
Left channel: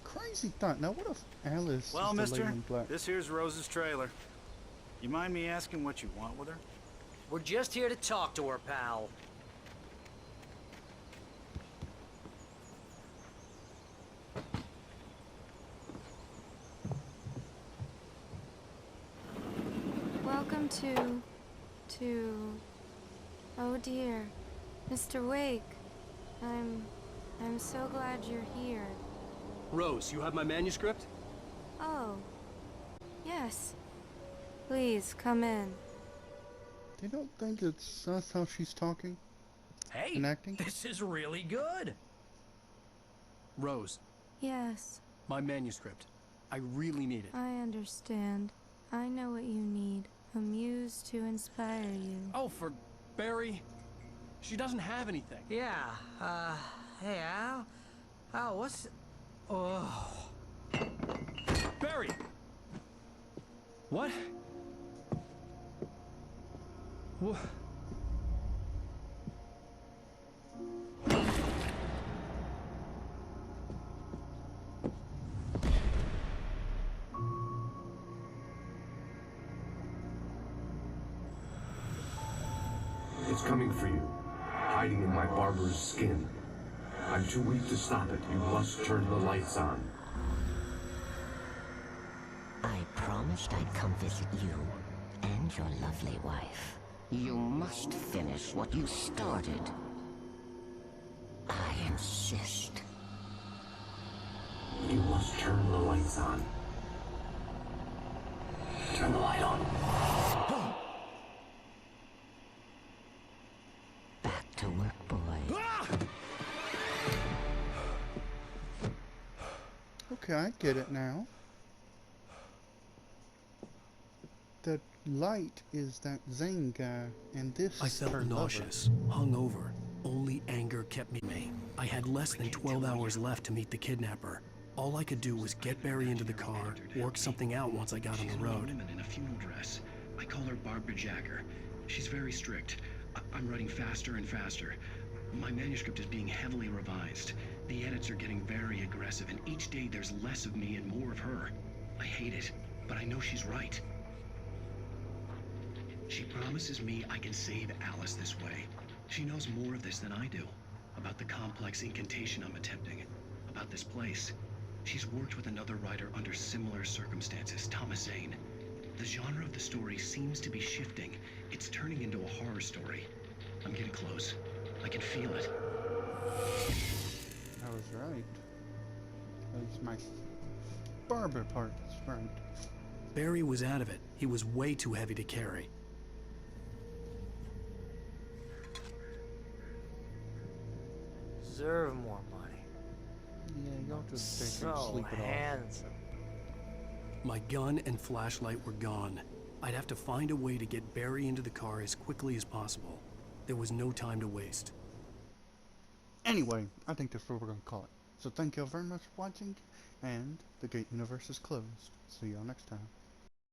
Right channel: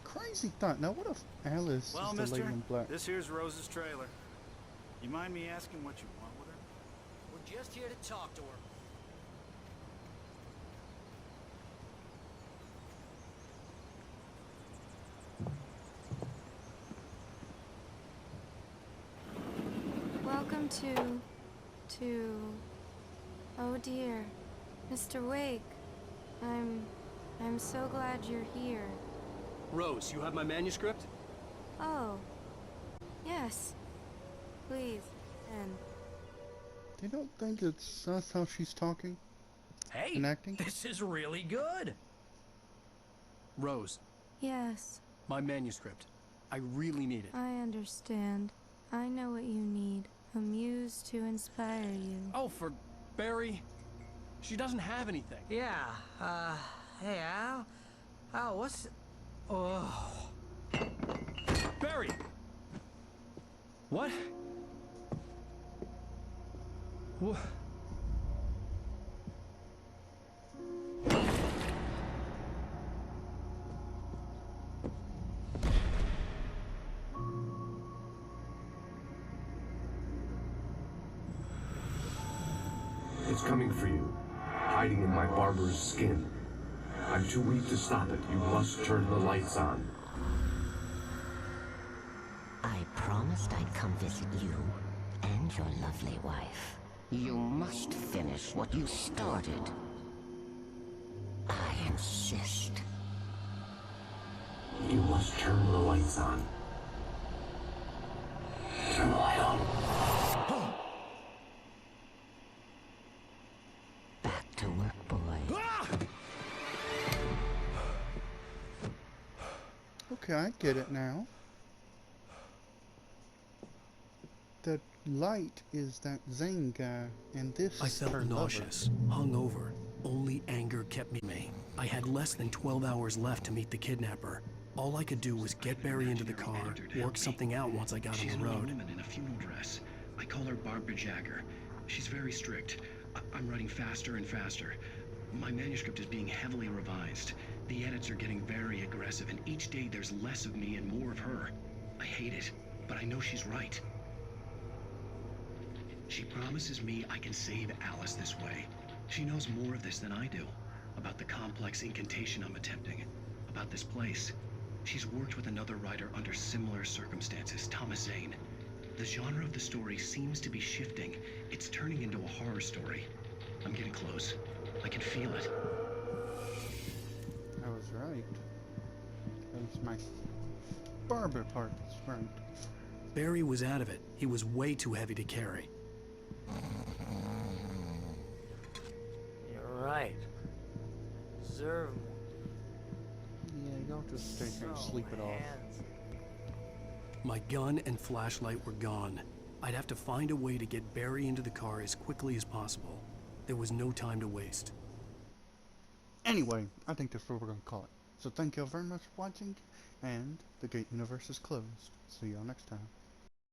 Crazy thought. Now, what if Alice Well, is the lady mister, in black? this here's Rose's trailer. You mind me asking what you want with her? We're just here to talk to her, pal. Welcome to... Oh dear. Mr. Wake. I'm so glad you're here. Rose, you have my manuscript? Oh. Yes. Please, come in. They don't think that's how she's talking Hey, and acting? this is really good. Rose, Yes, my manuscript. I really need it. I understand. I know what you need. A muse to inspire you. Oh, for Barry? She doesn't have anything. Yeah, hey, Al? Al, what's... Oh... Barry! What? What? It's coming for you, hiding in my barber's skin. I'm too weak to stop it. You must turn the lights on. I promised I'd come visit you and your lovely wife. You must finish what you started. I insist. You must turn the lights on. Turn the light on. Back to work, boy. Okay, I get it now. The light is that Zane guy, and this I is felt her nauseous, hungover. Only anger kept me. I had less than 12 hours left to meet the kidnapper. All I could do was get Barry into the car, work something out once I got on the She's road. a woman in a funeral dress. I call her Barbara Jagger. She's very strict. I'm writing faster and faster. My manuscript is being heavily revised. The edits are getting very aggressive, and each day there's less of me and more of her. I hate it, but I know she's right. She promises me I can save Alice this way. She knows more of this than I do. About the complex incantation I'm attempting. About this place. She's worked with another writer under similar circumstances, Thomas Zane. The genre of the story seems to be shifting. It's turning into a horror story. I'm getting close. I can feel it. I was right. At least my barber part is right. Barry was out of it. He was way too heavy to carry. You're right. Deserve more money. Yeah, y'all just stay here and So sleep it off. handsome. My gun and flashlight were gone. I'd have to find a way to get Barry into the car as quickly as possible. There was no time to waste. Anyway, I think that's what we're going to call it. So thank you all very much for watching, and the Gate Universe is closed. See y'all next time.